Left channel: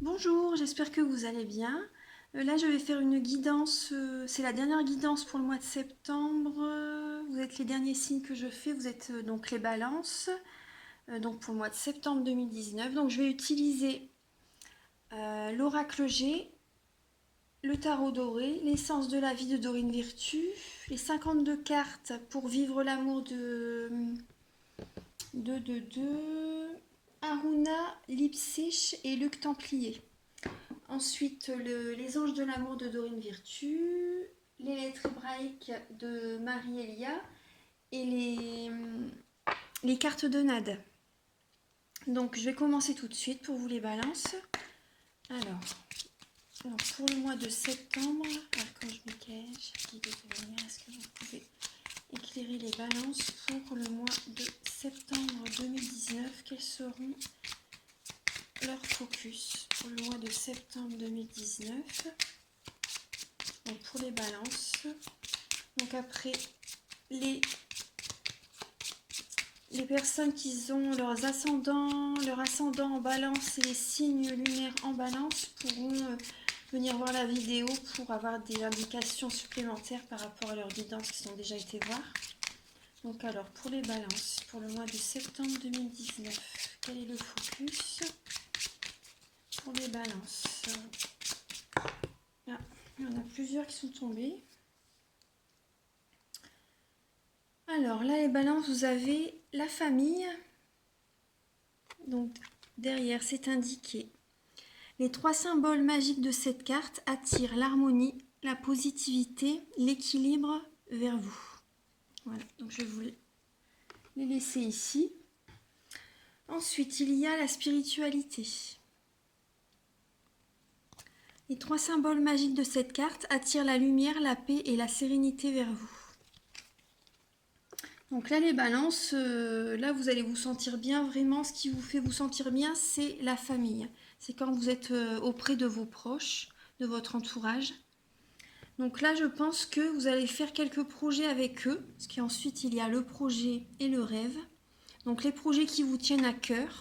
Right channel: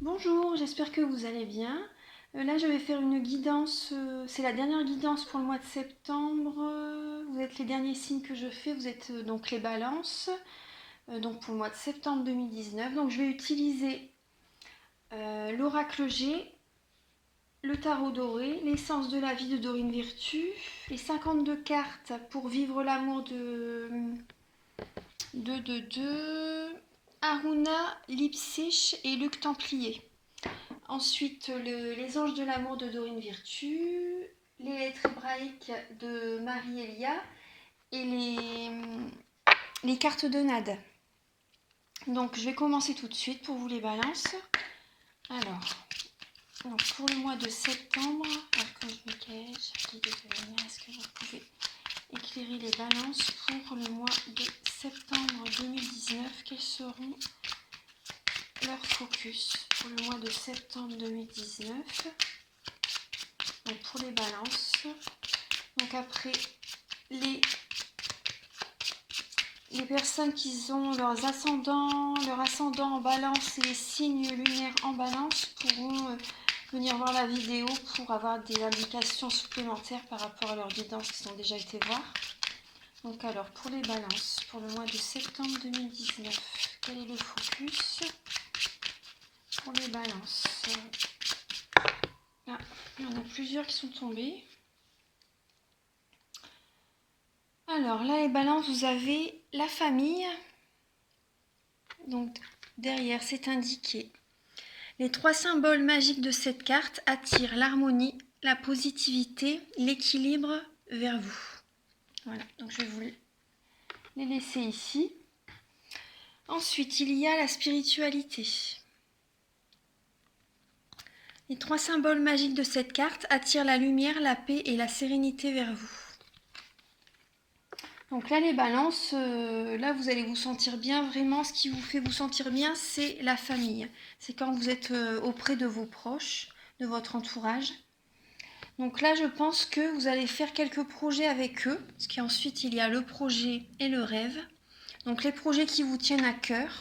Bonjour, j'espère que vous allez bien. Là, je vais faire une guidance, c'est la dernière guidance pour le mois de septembre. Vous êtes les derniers signes que je fais, vous êtes donc les balances, donc pour le mois de septembre 2019. Donc je vais utiliser l'oracle G, le tarot doré, l'essence de la vie de Dorine Virtue, les 52 cartes pour vivre l'amour de Aruna, Lipsich et Luc Templier. Ensuite, les anges de l'amour de Dorine Virtue, les lettres hébraïques de Marie-Elia et les cartes de Nade. Donc, je vais commencer tout de suite pour vous les balances. Alors, donc pour le mois de septembre, quand je me cache, est-ce que vous pouvez éclairer les balances pour le mois de septembre 2019? Quels seront leurs focus pour le mois de septembre 2019? Donc pour les balances, donc après les personnes qui ont leur ascendant en balance et les signes lunaires en balance pourront venir voir la vidéo pour avoir des indications supplémentaires par rapport à leurs guidances qu'ils ont déjà été voir. Donc alors pour les balances, pour le mois de septembre 2019, quel est le focus pour les balances? Ah, il y en a plusieurs qui sont tombés. Alors là, les balances, vous avez la famille. Donc derrière, c'est indiqué. Les trois symboles magiques de cette carte attirent l'harmonie, la positivité, l'équilibre vers vous. Voilà, donc je vais vous les laisser ici. Ensuite, il y a la spiritualité. Les trois symboles magiques de cette carte attirent la lumière, la paix et la sérénité vers vous. Donc là, les balances, là, vous allez vous sentir bien. Vraiment, ce qui vous fait vous sentir bien, c'est la famille. C'est quand vous êtes auprès de vos proches, de votre entourage. Donc là, je pense que vous allez faire quelques projets avec eux. Parce qu'ensuite, il y a le projet et le rêve. Donc les projets qui vous tiennent à cœur.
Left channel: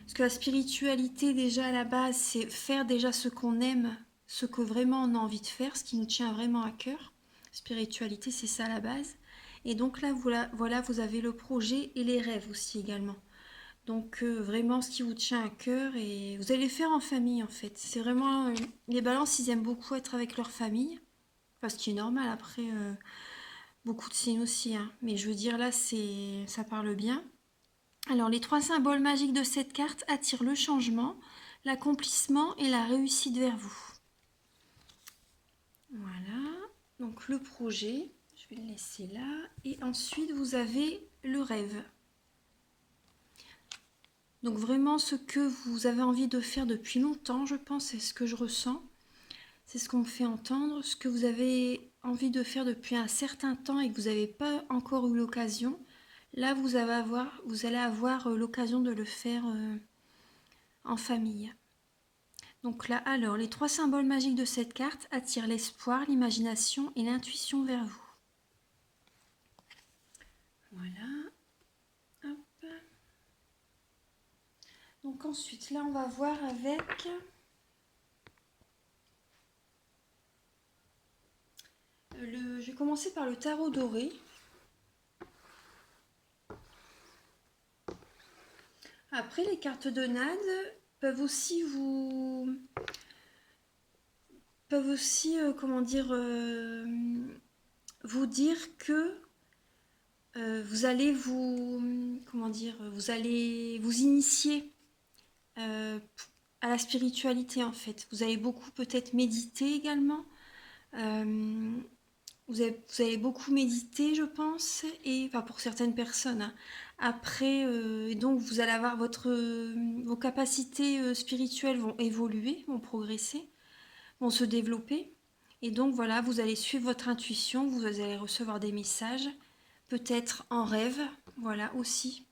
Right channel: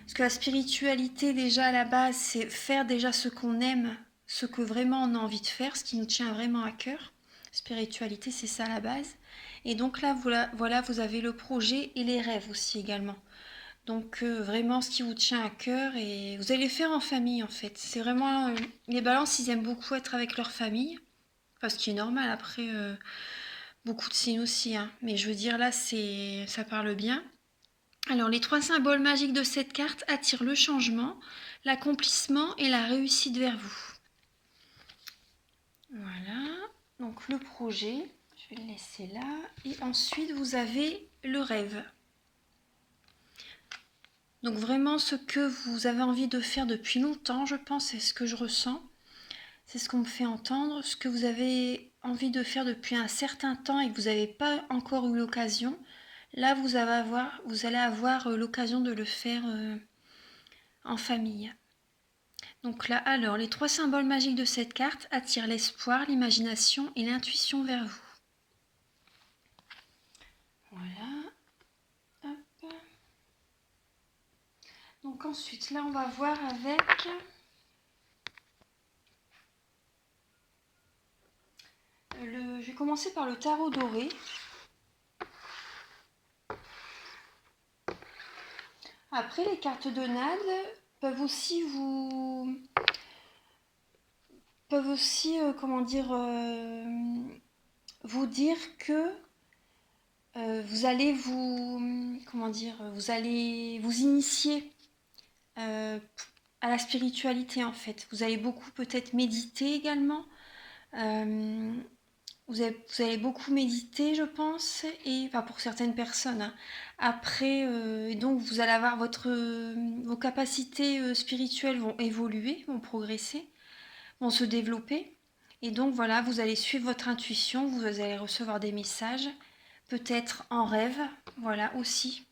Parce que la spiritualité, déjà, à la base, c'est faire déjà ce qu'on aime, ce que vraiment on a envie de faire, ce qui nous tient vraiment à cœur. Spiritualité, c'est ça à la base. Et donc là, voilà, vous avez le projet et les rêves aussi également. Donc vraiment ce qui vous tient à cœur et vous allez le faire en famille en fait. C'est vraiment les balances, ils aiment beaucoup être avec leur famille, enfin ce qui est normal après beaucoup de signes aussi. Hein. Mais je veux dire là, ça parle bien. Alors les trois symboles magiques de cette carte attirent le changement, l'accomplissement et la réussite vers vous. Voilà. Donc le projet. Je vais le laisser là. Et ensuite, vous avez le rêve. Donc vraiment ce que vous avez envie de faire depuis longtemps, je pense, c'est ce que je ressens. C'est ce qu'on me fait entendre. Ce que vous avez envie de faire depuis un certain temps et que vous n'avez pas encore eu l'occasion. Là, vous allez avoir l'occasion de le faire en famille. Donc là, alors, les trois symboles magiques de cette carte attirent l'espoir, l'imagination et l'intuition vers vous. Voilà. Hop. Donc ensuite, là, on va voir avec je vais commencer par le tarot doré. Après, les cartes de Nade peuvent aussi vous dire que vous allez vous allez vous initier à la spiritualité en fait. Vous allez beaucoup peut-être méditer également. Vous allez beaucoup méditer, je pense, et enfin pour certaines personnes. Hein. Après, donc vous allez avoir vos capacités spirituelles vont évoluer, vont progresser, vont se développer. Et donc voilà, vous allez suivre votre intuition, vous allez recevoir des messages, peut-être en rêve, voilà aussi,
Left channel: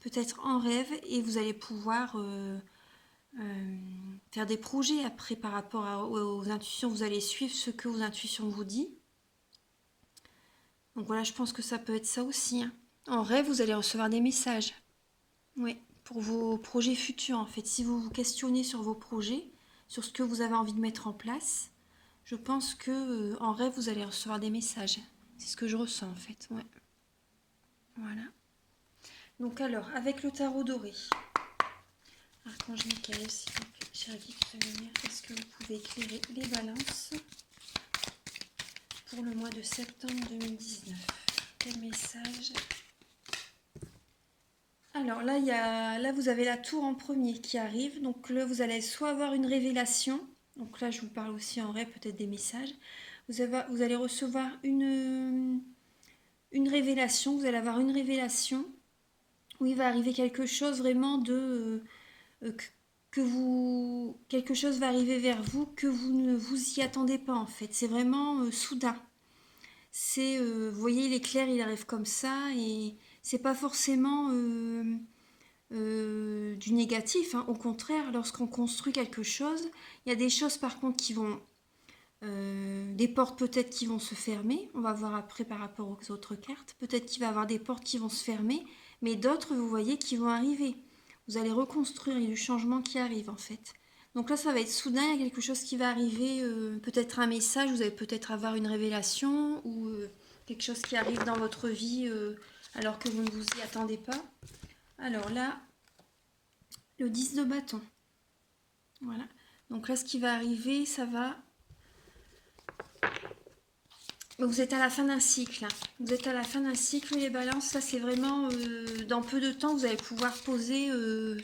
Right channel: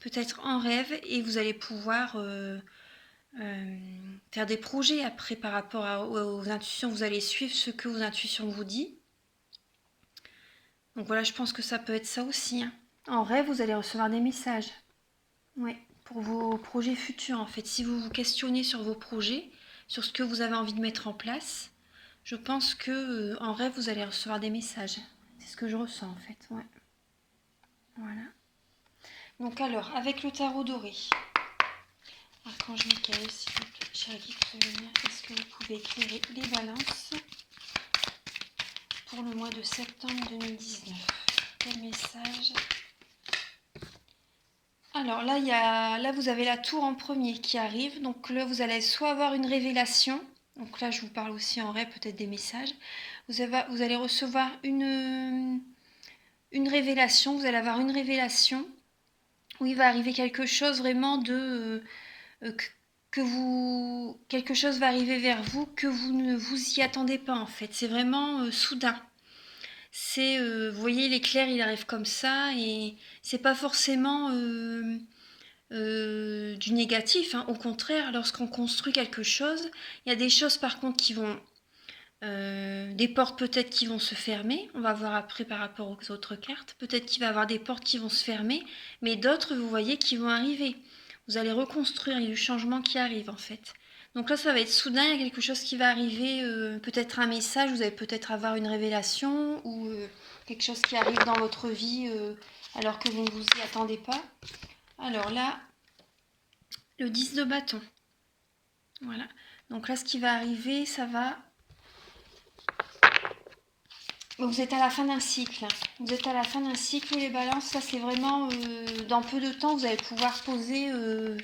peut-être en rêve, et vous allez pouvoir faire des projets après par rapport aux intuitions. Vous allez suivre ce que vos intuitions vous disent. Donc voilà, je pense que ça peut être ça aussi. Hein. En rêve, vous allez recevoir des messages. Oui, pour vos projets futurs en fait. Si vous vous questionnez sur vos projets, sur ce que vous avez envie de mettre en place. Je pense que en rêve, vous allez recevoir des messages. C'est ce que je ressens en fait. Ouais. Voilà. Donc alors, avec le tarot doré, Archange Michael, s'il vous plaît, cher guide de lumière, est-ce que vous pouvez éclairer les balances pour le mois de septembre 2019? Quel message? Alors là, vous avez la tour en premier qui arrive. Donc là, vous allez soit avoir une révélation. Donc là, je vous parle aussi en rêve, peut-être des messages. Vous allez recevoir une révélation. Vous allez avoir une révélation où il va arriver quelque chose vraiment quelque chose va arriver vers vous que vous ne vous y attendez pas en fait. C'est vraiment soudain. Vous voyez, l'éclair, il arrive comme ça et c'est pas forcément du négatif, hein. Au contraire, lorsqu'on construit quelque chose, il y a des choses par contre qui vont, des portes peut-être qui vont se fermer. On va voir après par rapport aux autres cartes. Peut-être qu'il va y avoir des portes qui vont se fermer, mais d'autres, vous voyez, qui vont arriver. Vous allez reconstruire, il y a du changement qui arrive en fait. Donc là, ça va être soudain, il y a quelque chose qui va arriver, peut-être un message, vous allez peut-être avoir une révélation ou quelque chose qui arrive dans votre vie alors que vous ne vous y attendez pas. Alors là, le 10 de bâton. Voilà. Donc là, ce qui va arriver, ça va... Vous êtes à la fin d'un cycle. Vous êtes à la fin d'un cycle, les balances. Ça, c'est vraiment... dans peu de temps, vous allez pouvoir poser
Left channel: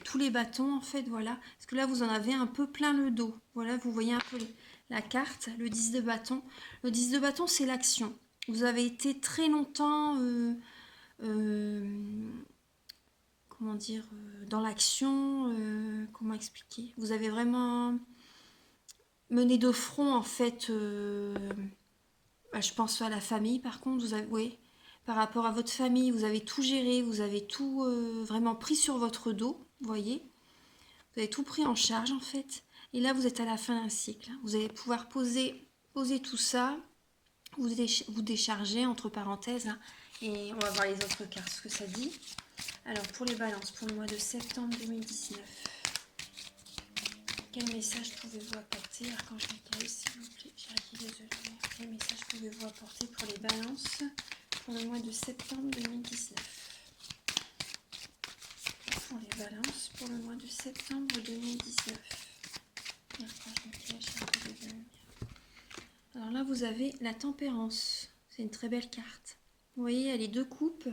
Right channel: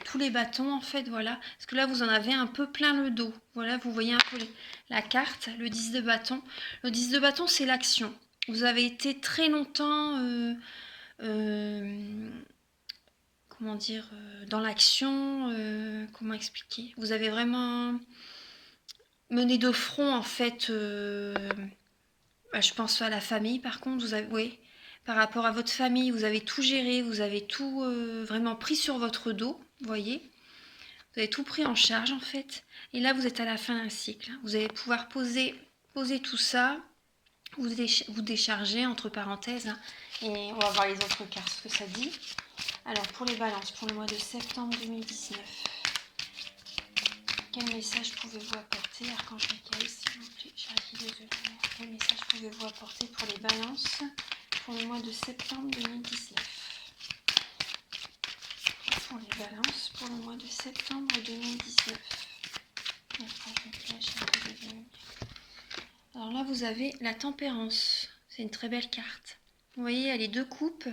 tous les bâtons, en fait. Voilà. Parce que là, vous en avez un peu plein le dos. Voilà, vous voyez un peu la carte, le 10 de bâton. Le 10 de bâton, c'est l'action. Vous avez été très longtemps... comment dire, dans l'action, comment expliquer? Vous avez vraiment mené de front en fait, je pense à la famille par contre, oui, par rapport à votre famille, vous avez tout géré, vous avez tout vraiment pris sur votre dos, vous voyez? Vous avez tout pris en charge en fait. Et là, vous êtes à la fin d'un cycle. Vous allez pouvoir poser tout ça, vous décharger entre parenthèses, hein, et on va voir les autres cartes, ce que ça dit. Alors, pour les balances, pour le mois de septembre 2019, quel message pouvez-vous apporter, Archange Michael, s'il vous plaît, quel message pouvez-vous apporter pour les balances pour le mois de septembre 2019? Pour les balances, pour le mois de septembre 2019. Archange Michael, alors là, vous avez la tempérance. C'est une très belle carte. Vous voyez, il y a les deux coupes.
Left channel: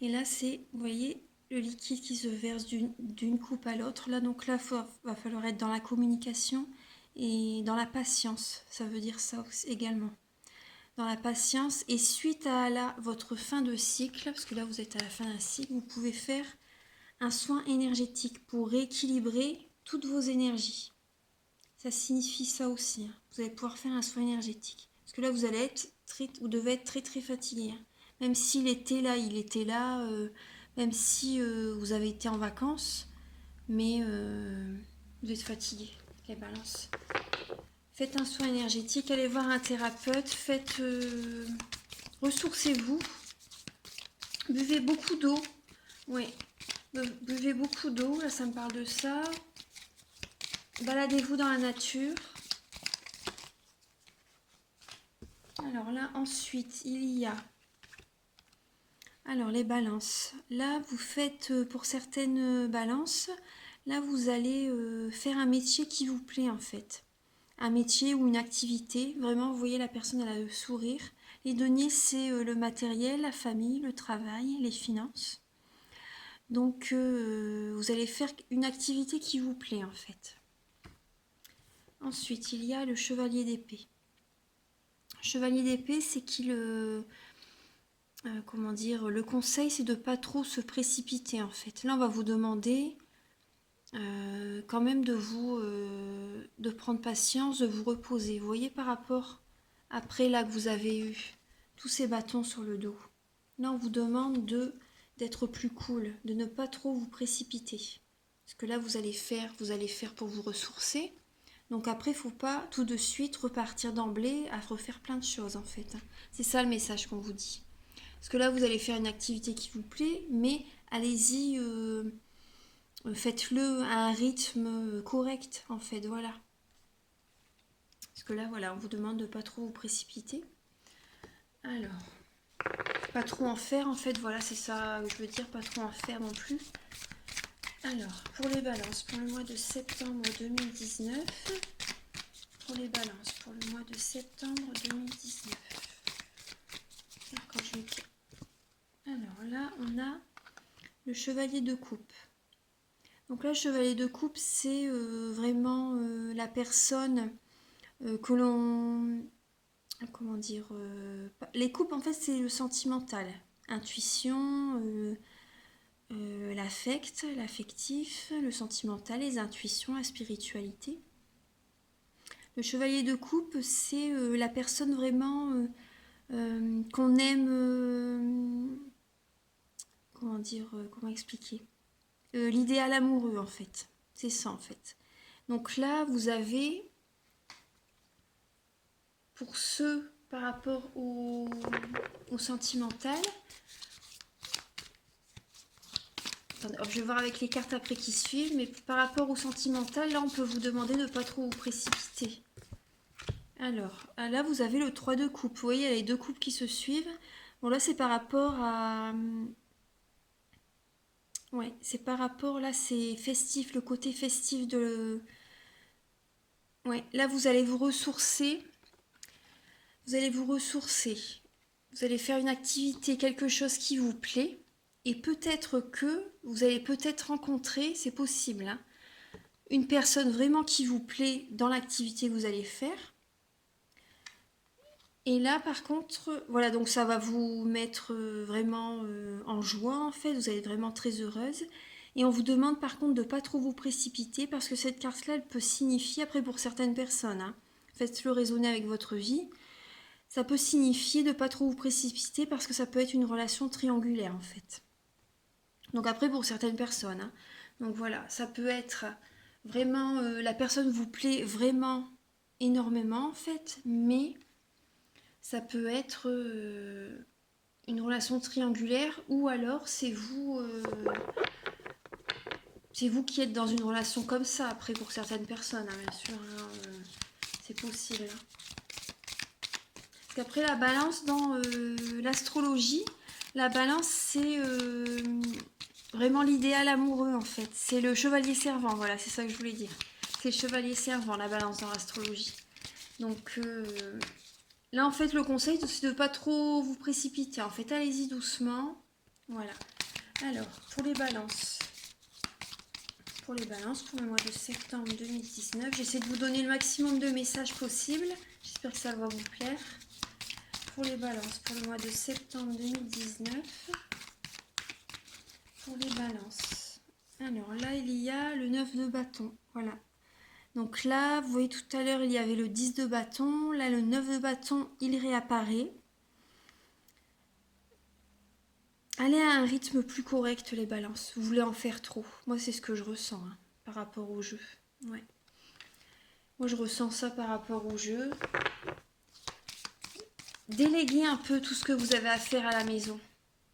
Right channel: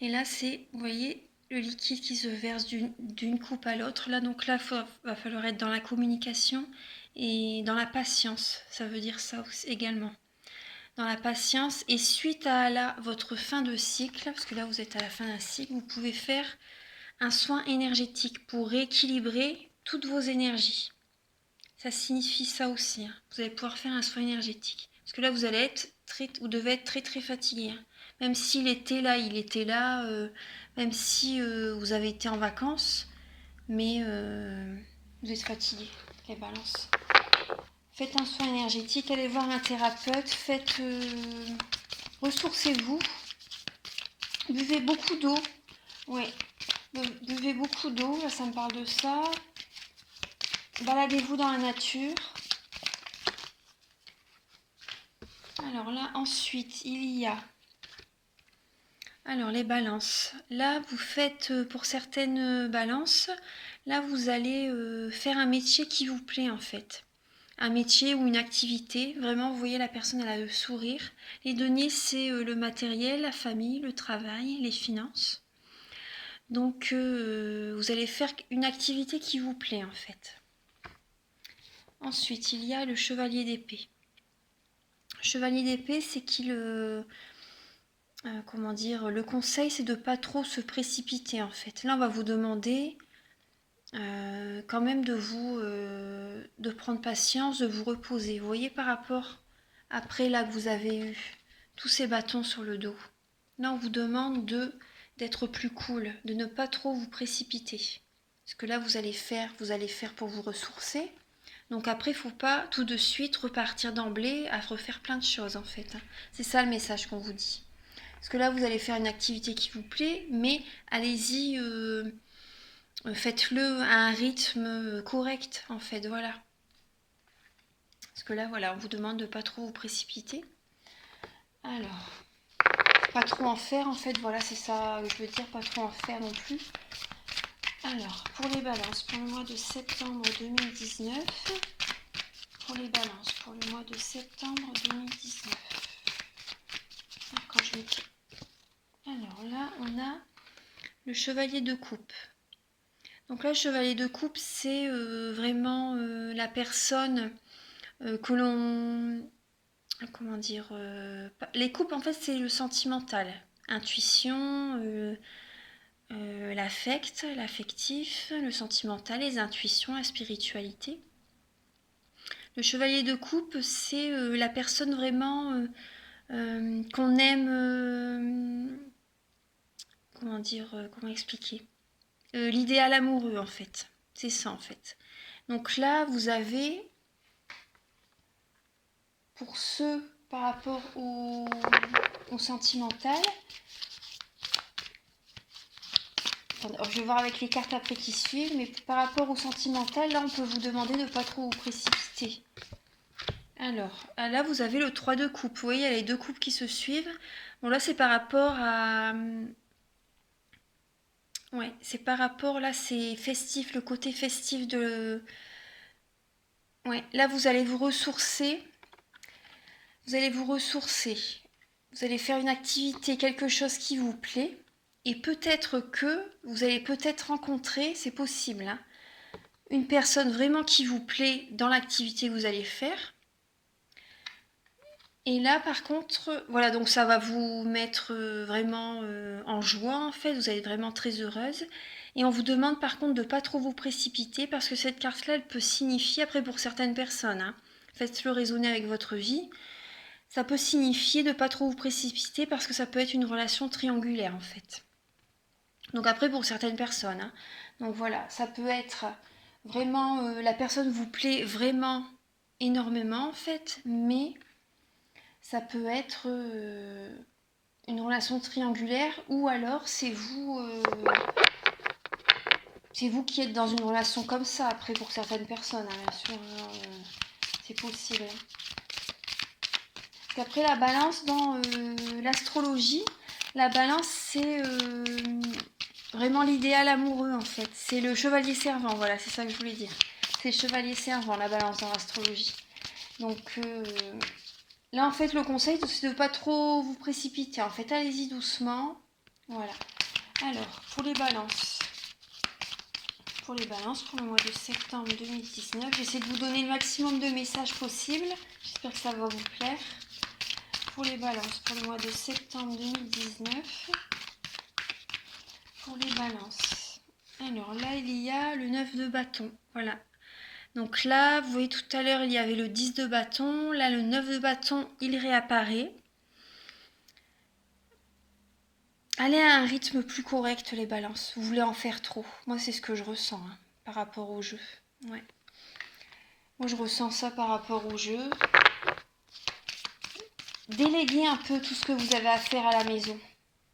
Et là, c'est, vous voyez, le liquide qui se verse d'une coupe à l'autre. Là, donc là, va falloir être dans la communication et dans la patience. Ça veut dire ça aussi, également. Dans la patience. Et suite à votre fin de cycle, parce que là, vous êtes à la fin d'un cycle, vous pouvez faire un soin énergétique pour rééquilibrer toutes vos énergies. Ça signifie ça aussi, hein. Vous allez pouvoir faire un soin énergétique. Parce que là, vous devez être très très fatigué, hein. Même s'il était là, même si vous avez été en vacances, mais vous êtes fatigué, les balances. Faites un soin énergétique, allez voir un thérapeute, ressourcez-vous, buvez beaucoup d'eau, oui, buvez beaucoup d'eau, là ça me parle de ça. Baladez-vous dans la nature. Alors là, ensuite, il y a... Alors, les balances. Là, vous faites, pour certaines balances, là, vous allez faire un métier qui vous plaît, en fait. Un métier ou une activité. Vraiment, vous voyez, la personne, elle a le sourire. Les deniers, c'est le matériel, la famille, le travail, les finances. Donc, vous allez faire une activité qui vous plaît, en fait. Ensuite, il y a le chevalier d'épée. Chevalier d'épée, c'est comment dire, le conseil, c'est de ne pas trop se précipiter en fait. Là, on va vous demander quand même de prendre patience, de vous reposer. Vous voyez par rapport après là que vous avez eu tous ces bâtons sur le dos. Là, on vous demande d'être plus cool, de ne pas trop vous précipiter. Parce que là, vous allez faire pour vous ressourcer. Donc après, il ne faut pas tout de suite repartir d'emblée à refaire plein de choses en fait. C'est ça le message qu'on vous dit. Parce que là, vous allez faire une activité qui vous plaît, mais allez-y faites-le à un rythme correct, en fait, voilà. Parce que là, voilà, on vous demande de pas trop vous précipiter. Alors, pas trop en faire, en fait, voilà, c'est ça que je veux dire, pas trop en faire non plus. Alors, pour les balances, pour le mois de septembre 2019, pour les balances, pour le mois de septembre 2019. Quand je mets... Alors là, on a le chevalier de coupe. Donc là, le chevalier de coupe, c'est vraiment la personne que l'on... Comment dire les coupes, en fait, c'est le sentimental. Intuition, l'affect, l'affectif, le sentimental, les intuitions, la spiritualité. Le chevalier de coupe, c'est la personne vraiment qu'on aime... comment dire comment expliquer l'idéal amoureux, en fait. C'est ça, en fait. Donc là, vous avez, pour ceux par rapport au sentimental, je vais voir avec les cartes après qui suivent, mais par rapport au sentimental, là, on peut vous demander de ne pas trop vous précipiter. Alors, là, vous avez le 3 de coupe. Vous voyez, il y a les deux coupes qui se suivent. Bon, là, c'est par rapport à... Ouais, c'est par rapport, là, c'est festif, le côté festif de... Ouais, là, vous allez vous ressourcer. Vous allez vous ressourcer. Vous allez faire une activité, quelque chose qui vous plaît. Et peut-être que vous allez peut-être rencontrer, c'est possible, hein, une personne vraiment qui vous plaît dans l'activité que vous allez faire. Et là, par contre, voilà, donc ça va vous mettre vraiment en joie, en fait. Vous allez être vraiment très heureuse. Et on vous demande par contre de ne pas trop vous précipiter parce que cette carte-là, elle peut signifier, après pour certaines personnes, hein, faites-le résonner avec votre vie, ça peut signifier de ne pas trop vous précipiter parce que ça peut être une relation triangulaire, en fait. Donc après pour certaines personnes, hein. Donc voilà, ça peut être vraiment, la personne vous plaît vraiment énormément, en fait, mais ça peut être une relation triangulaire ou alors c'est vous qui êtes dans une relation comme ça, après pour certaines personnes, hein, bien sûr, hein, c'est possible, hein. Parce qu'après la balance dans l'astrologie, la balance c'est vraiment l'idéal amoureux, en fait. C'est le chevalier servant, voilà, c'est ça que je voulais dire. C'est le chevalier servant, la balance dans l'astrologie. Donc là, en fait, le conseil, c'est de ne pas trop vous précipiter. En fait, allez-y doucement. Voilà. Alors, pour les balances. Pour les balances, pour le mois de septembre 2019, j'essaie de vous donner le maximum de messages possibles. J'espère que ça va vous plaire. Pour les balances, pour le mois de septembre 2019. Pour les balances. Alors là, il y a le 9 de bâton. Voilà. Donc là, vous voyez tout à l'heure, il y avait le 10 de bâton. Là, le 9 de bâton, il réapparaît. Allez à un rythme plus correct, les balances. Vous voulez en faire trop. Moi, c'est ce que je ressens, hein, par rapport au jeu. Ouais. Moi, je ressens ça par rapport au jeu. Déléguez un peu tout ce que vous avez à faire à la maison.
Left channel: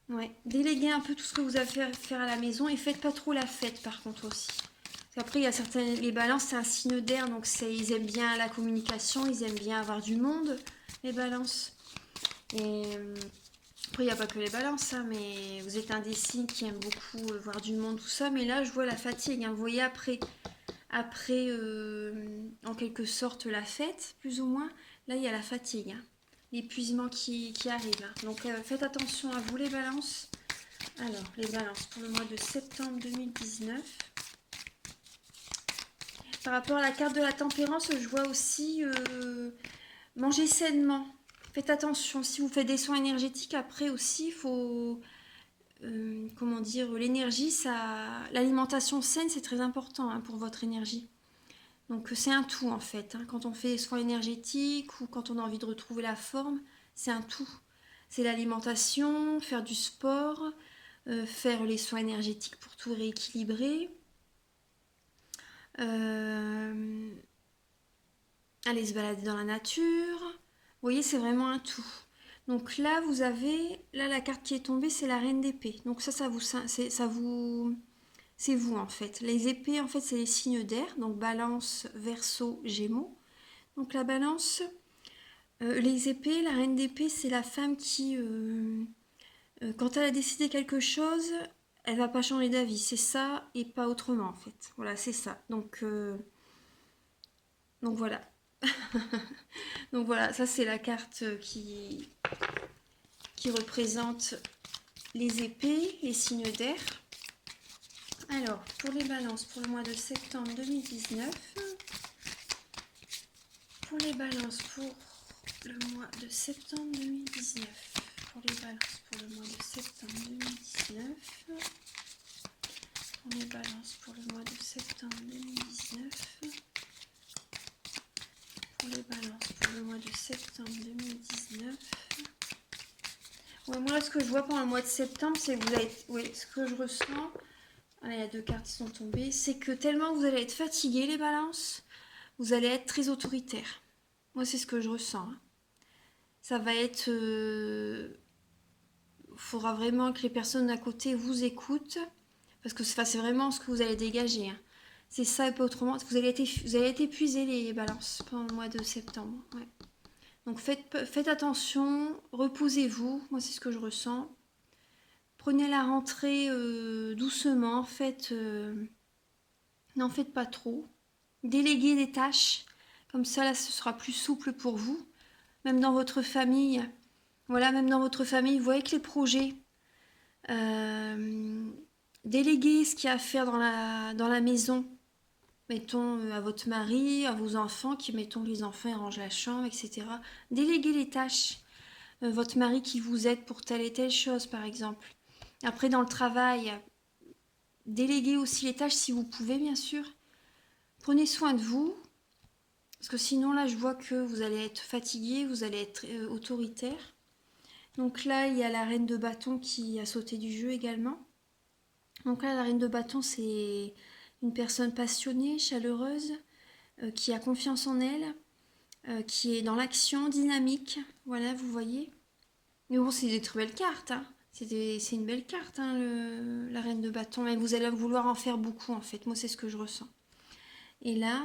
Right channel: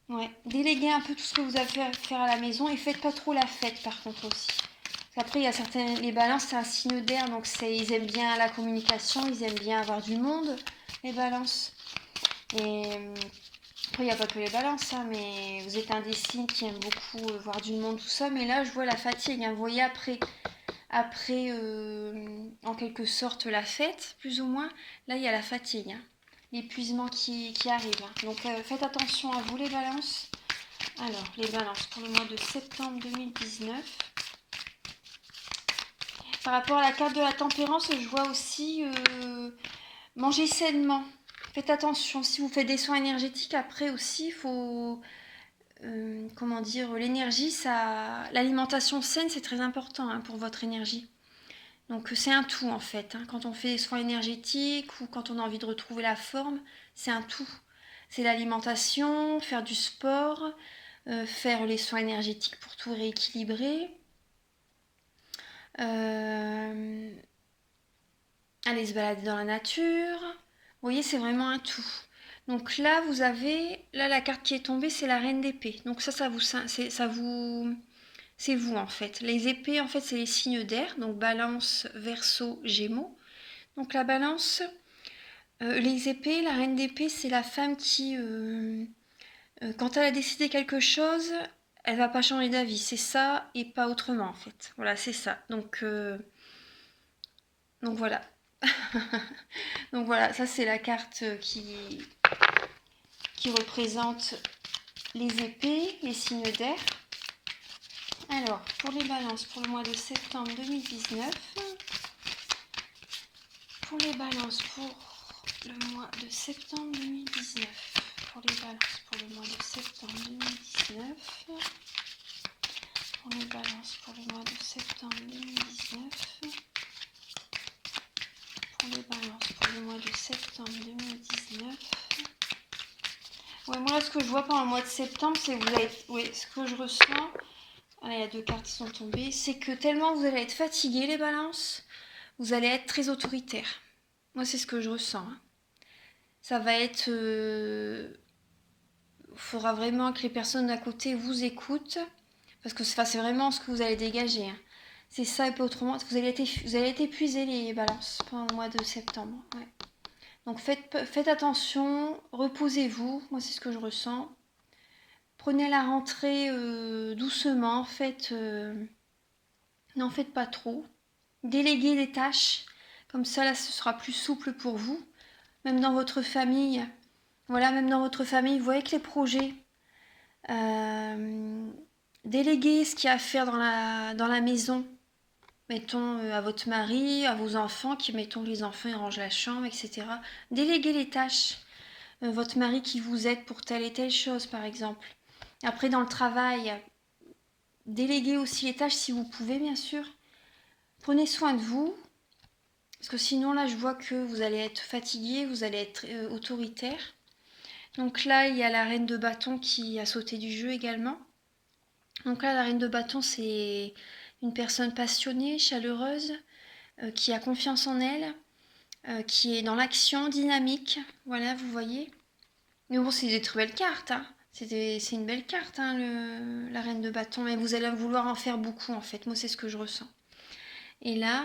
Ouais. Déléguez un peu tout ce que vous avez à faire à la maison et faites pas trop la fête, par contre, aussi. Après, il y a certaines... Les balances, c'est un signe d'air, donc ils aiment bien la communication, ils aiment bien avoir du monde, les balances. Et après, il n'y a pas que les balances, hein, mais vous êtes un des signes qui aime beaucoup voir du monde, tout ça. Mais là, je vois la fatigue, hein. Vous voyez, après en quelque sorte, la fête, plus ou moins, là, il y a la fatigue, hein. L'épuisement qui arrive, hein. Donc, faites attention à vous, les balances. Alors, les balances pour le mois de septembre 2019. Par rapport à la carte de la tempérance, je vois aussi manger sainement. Faites attention, si vous faites des soins énergétiques, après aussi, il faut... comment dire, l'énergie, l'alimentation saine, c'est très important, hein, pour votre énergie. Donc c'est un tout, en fait, hein. Quand on fait des soins énergétiques ou quand on a envie de retrouver la forme, c'est un tout. C'est l'alimentation, faire du sport, faire les soins énergétiques pour tout rééquilibrer. Aller se balader dans la nature. Vous voyez, c'est vraiment un tout. Donc là, vous avez... Là, la carte qui est tombée, c'est la reine d'épée. Donc ça c'est vous en fait. Les épées, en fait, c'est les signes d'air, donc Balance, Verseau, Gémeaux. Donc la Balance, les épées, la reine d'épée, c'est la femme qui, quand elle a décidé quelque chose, elle va pas changer d'avis. C'est ça et pas autrement en fait. Voilà, c'est ça. Donc voilà. Donc voilà, ça c'est la carte qui représente les épées, les signes d'air. Alors, pour les balances, pour le mois de septembre 2019, pour les balances, pour le mois de septembre 2019, pour les balances, pour le mois de septembre 2019, pour les balances, pour le mois de septembre 2019, pour les balances, pour le mois de septembre 2019. Ouais, moi là, ce que je vois pendant le mois de septembre, c'est que vous allez... Oui, ce que je ressens... Là, il y a 2 cartes qui sont tombées. C'est que tellement vous allez être fatigués, les balances, vous allez être très autoritaire. Moi, c'est ce que je ressens. Hein. Ça va être... faudra vraiment que les personnes à côté vous écoutent. Parce que c'est vraiment ce que vous allez dégager. Hein. C'est ça et pas autrement. Vous allez être épuisés, les balances, pendant le mois de septembre. Ouais. Donc faites attention, reposez-vous. Moi, c'est ce que je ressens. Prenez la rentrée doucement. N'en faites pas trop. Déléguez des tâches. Comme ça, là, ce sera plus souple pour vous. Même dans votre famille. Voilà, même dans votre famille, vous voyez que les projets. Déléguez ce qu'il y a à faire dans la maison. Mettons à votre mari, à vos enfants, mettons que les enfants ils rangent la chambre, etc. Déléguez les tâches. Votre mari qui vous aide pour telle et telle chose, par exemple. Après, dans le travail, déléguez aussi les tâches si vous pouvez, bien sûr. Prenez soin de vous. Parce que sinon, là, je vois que vous allez être fatigué, vous allez être autoritaire. Donc là, il y a la reine de bâton qui a sauté du jeu également. Donc là, la reine de bâton, c'est une personne passionnée, chaleureuse, qui a confiance en elle, qui est dans l'action, dynamique. Voilà, vous voyez. Mais bon, c'est des très belles cartes. Hein. C'est une belle carte, hein, la reine de bâton. Mais vous allez vouloir en faire beaucoup, en fait. Moi, c'est ce que je ressens. Et là,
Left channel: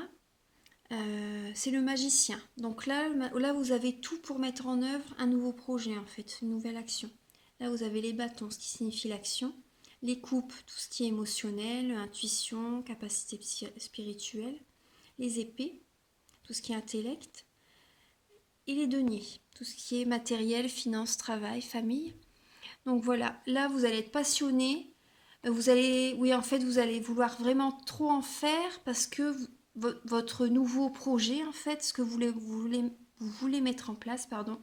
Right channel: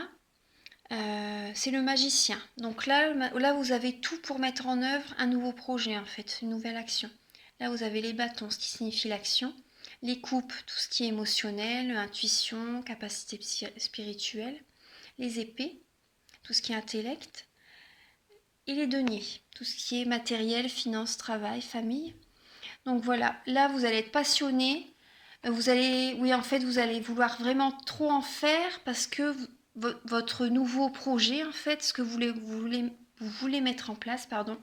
c'est le magicien. Donc là, vous avez tout pour mettre en œuvre un nouveau projet, en fait, une nouvelle action. Là, vous avez les bâtons, ce qui signifie l'action. Les coupes, tout ce qui est émotionnel, intuition, capacité spirituelle. Les épées, tout ce qui est intellect. Et les deniers, tout ce qui est matériel, finance, travail, famille. Donc voilà, là, vous allez être passionné. Vous allez vouloir vraiment trop en faire parce que votre nouveau projet, en fait, ce que vous voulez mettre en place, pardon,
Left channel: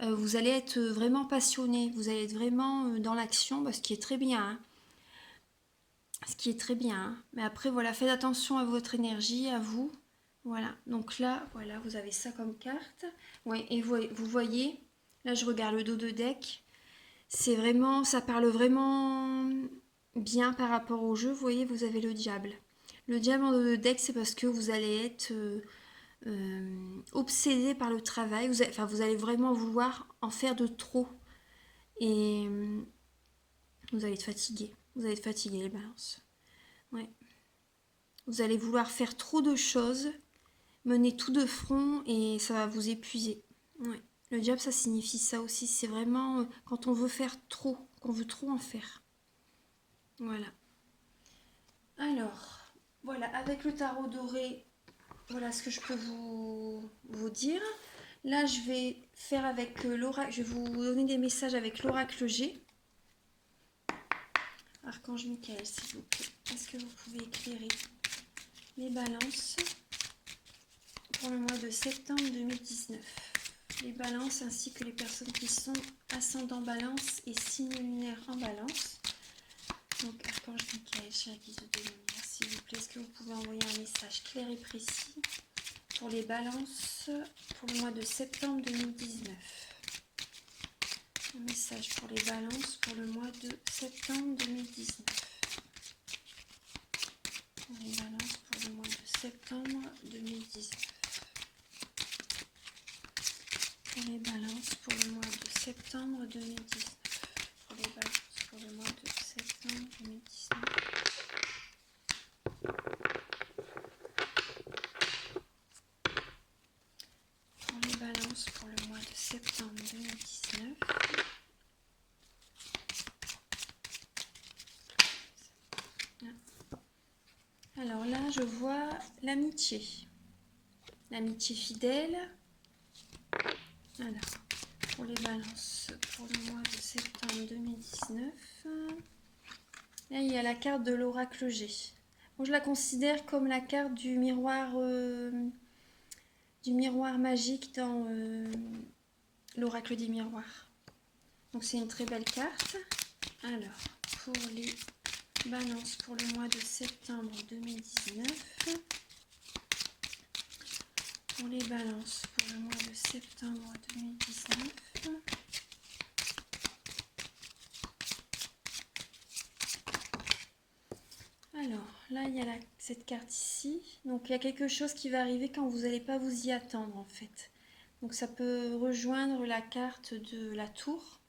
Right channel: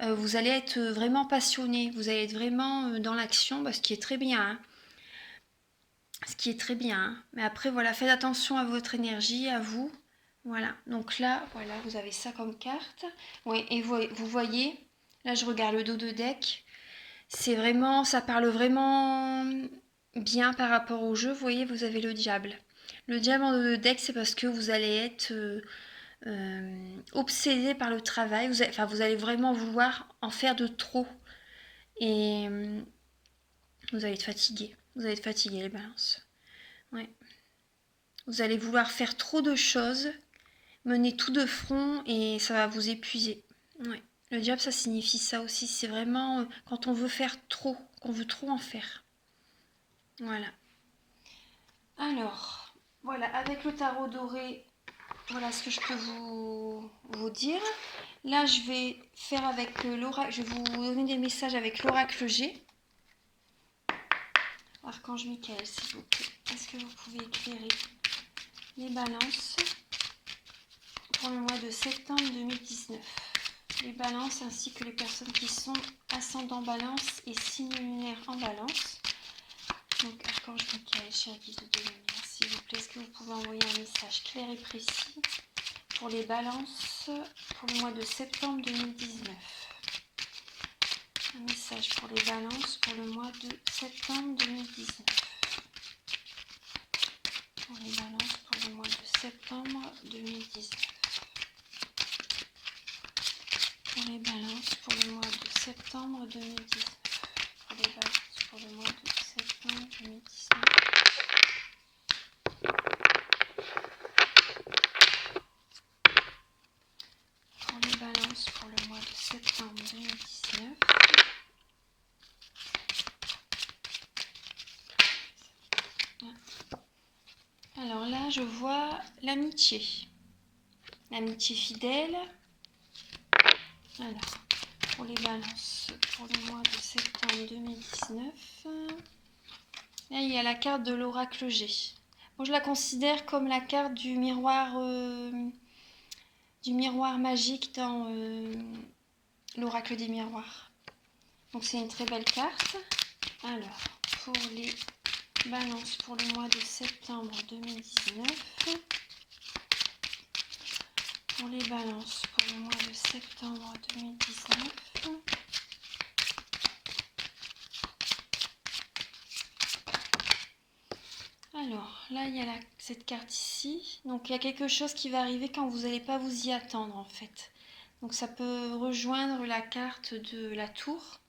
vous allez être vraiment passionné, vous allez être vraiment dans l'action, ce qui est très bien. Hein. Ce qui est très bien. Hein. Mais après, voilà, faites attention à votre énergie, à vous. Voilà, donc là, voilà, vous avez ça comme carte. Oui, et vous voyez, là, je regarde le dos de deck. C'est vraiment, ça parle vraiment bien par rapport au jeu. Vous voyez, vous avez le diable. Le diable en dos de deck, c'est parce que vous allez être obsédé par le travail. Vous allez vraiment vouloir en faire de trop. Et vous allez être fatigué. Vous allez être fatigué, les balances. Ouais. Vous allez vouloir faire trop de choses, mener tout de front et ça va vous épuiser. Ouais. Le diable, ça signifie ça aussi. C'est vraiment quand on veut faire trop, qu'on veut trop en faire. Voilà. Alors, voilà, avec le tarot doré, voilà ce que je peux vous dire. Là, je vais faire avec l'oracle, je vais vous donner des messages avec l'oracle G. Archange Michael, s'il vous plaît. Est-ce que vous pouvez éclairer les balances pour le mois de septembre 2019? Les balances ainsi que les personnes qui sont ascendant balance et signe lunaire en balance. Donc, Archange Michael, chère guide de lumière, s'il vous plaît, est-ce que vous pouvez envoyer un message clair et précis pour les balances pour le mois de septembre 2019? Un message pour les balances pour le mois de septembre 2019. Pour les balances pour le mois de septembre 2019. Pour les balances pour le mois de septembre 2019. Pour les balances pour le mois de septembre 2019. là, je vois l'amitié. L'amitié fidèle. Alors, pour les balances, pour le mois de septembre 2019. Là, il y a la carte de l'oracle G. Moi, je la considère comme la carte du miroir magique dans l'oracle des miroirs. Donc, c'est une très belle carte. Alors, pour les balances pour le mois de septembre 2019. Pour les balances pour le mois de septembre 2019. Alors, là, il y a cette carte ici. Donc, il y a quelque chose qui va arriver quand vous n'allez pas vous y attendre, en fait. Donc, ça peut rejoindre la carte de la tour.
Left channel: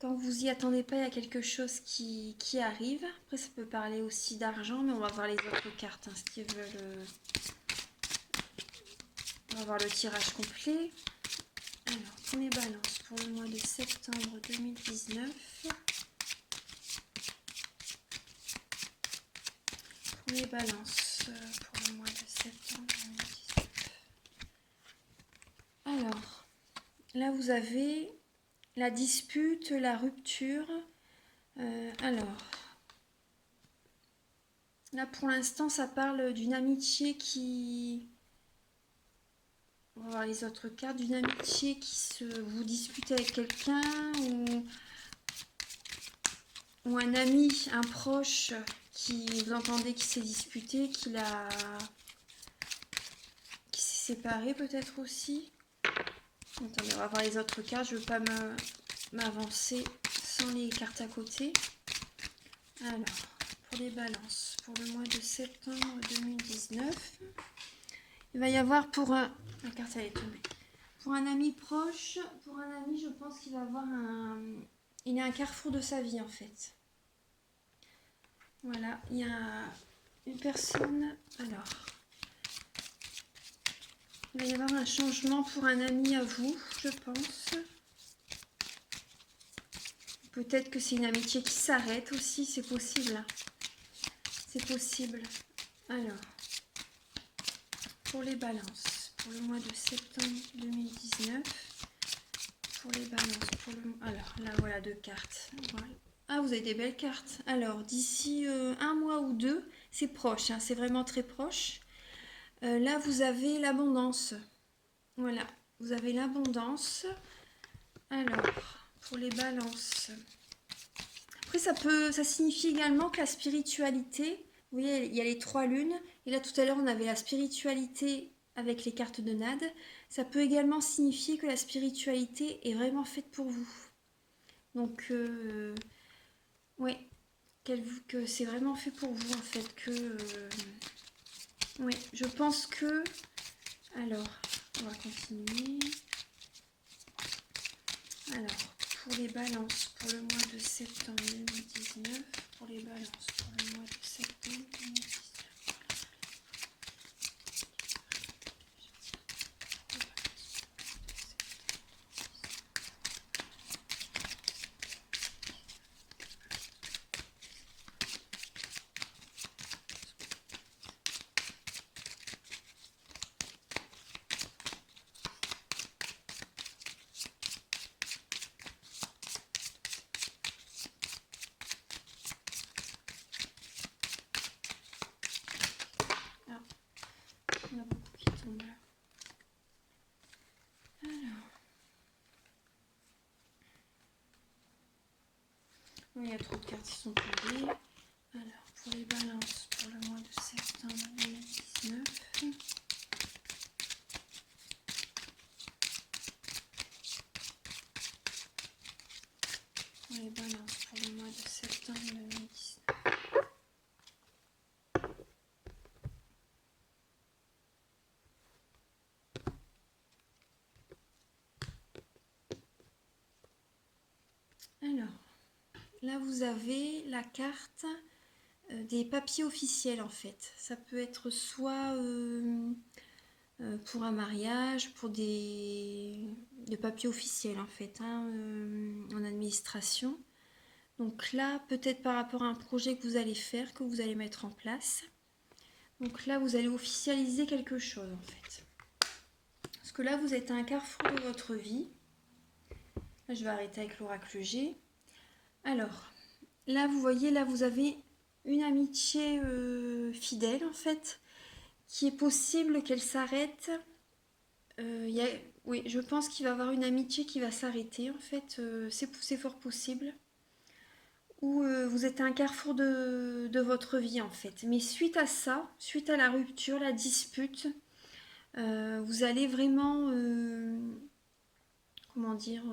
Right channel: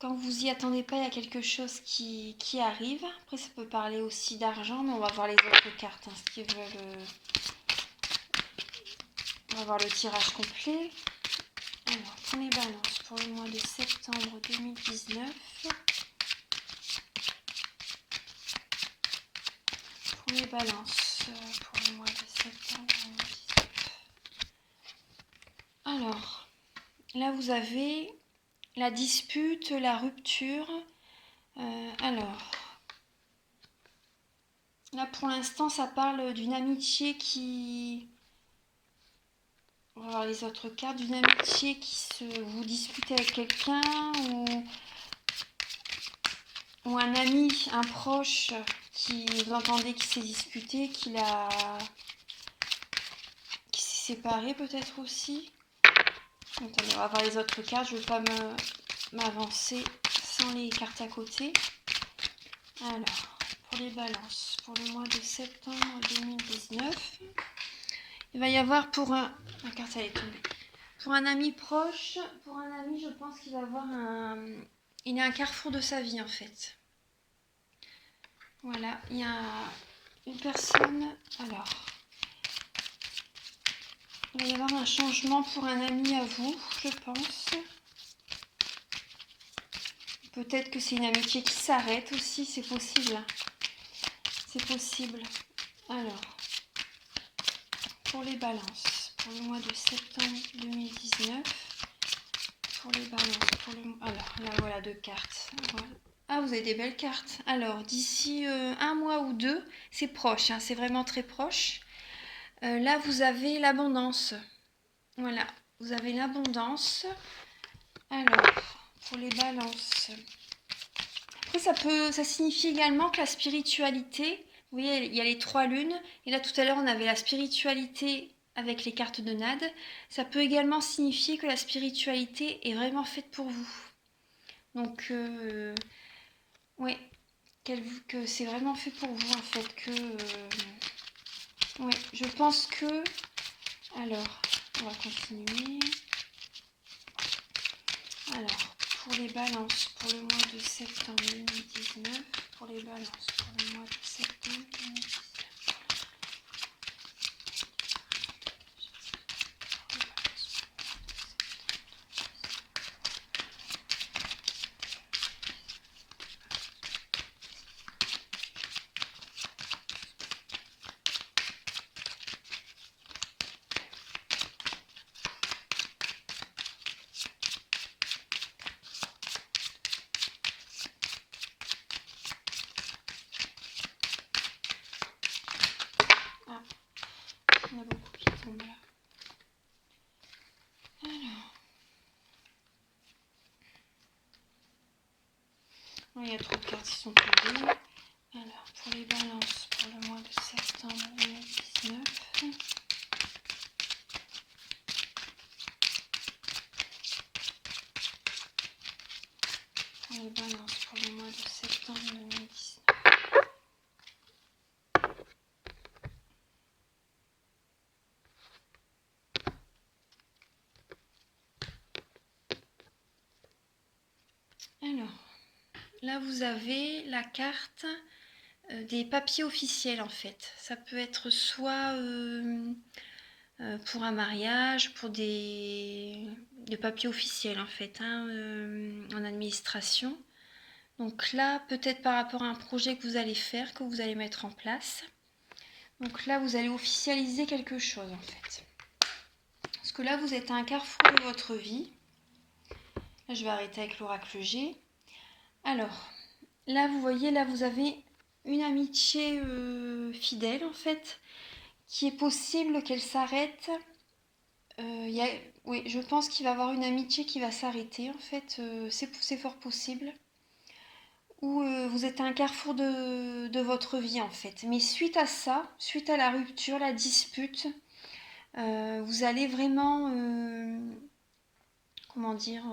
Quand vous y attendez pas, il y a quelque chose qui arrive. Après, ça peut parler aussi d'argent, mais on va voir les autres cartes. Hein, ce qui veulent, on va voir le tirage complet. Alors, pour les balances pour le mois de septembre 2019. Pour les balances pour le mois de septembre 2019. Alors, là vous avez la dispute, la rupture. Alors, là pour l'instant ça parle d'une amitié qui... On va voir les autres cartes. D'une amitié qui vous disputez avec quelqu'un ou un ami, un proche qui vous entendez qui s'est disputé, qui s'est séparé peut-être aussi. Attendez, on va voir les autres cartes. Je ne veux pas m'avancer sans les cartes à côté. Alors, pour les balances, pour le mois de septembre 2019, il va y avoir pour un... La carte, elle est tombée. Pour un ami proche, pour un ami, je pense qu'il va avoir un... Il est à un carrefour de sa vie, en fait. Voilà, il y a une personne... Alors, il va y avoir un changement pour un ami à vous, je pense. Peut-être que c'est une amitié qui s'arrête aussi, c'est possible. C'est possible. Alors, pour les balances, pour le mois de septembre 2019, pour les balances, pour le... Alors, là, voilà deux cartes. Voilà. Ah, vous avez des belles cartes. Alors, d'ici un mois ou deux, c'est proche, hein, c'est vraiment très proche. Là, vous avez l'abondance. Voilà, vous avez l'abondance. Alors, pour les balances... Après, ça signifie également que la spiritualité, vous voyez, il y a les trois lunes, et là tout à l'heure on avait la spiritualité avec les cartes de Nade. Ça peut également signifier que la spiritualité est vraiment faite pour vous. Donc, ouais, que c'est vraiment fait pour vous en fait. Ouais, je pense que... Alors, on va continuer. Alors, pour les balances, pour le mois de septembre 2019, pour les balances, pour le mois de septembre 2019. Il y en a beaucoup qui tombent là. Alors. Oh, il y a trop de cartes qui sont tombées. Alors, pour les balances, pour le mois de septembre 2019. Pour les balances, pour le mois de septembre 2019. Alors, là vous avez la carte des papiers officiels en fait. Ça peut être soit pour un mariage, pour des papiers officiels en fait, hein, en administration. Donc là, peut-être par rapport à un projet que vous allez faire, que vous allez mettre en place. Donc là, vous allez officialiser quelque chose en fait. Parce que là, vous êtes à un carrefour de votre vie. Là, je vais arrêter avec l'oracle G. Alors, là, vous voyez, là, vous avez une amitié fidèle en fait, qui est possible qu'elle s'arrête. Oui, je pense qu'il va y avoir une amitié qui va s'arrêter en fait. C'est fort possible. Où vous êtes à un carrefour de votre vie en fait. Mais suite à ça, suite à la rupture, la dispute, vous allez vraiment, comment dire,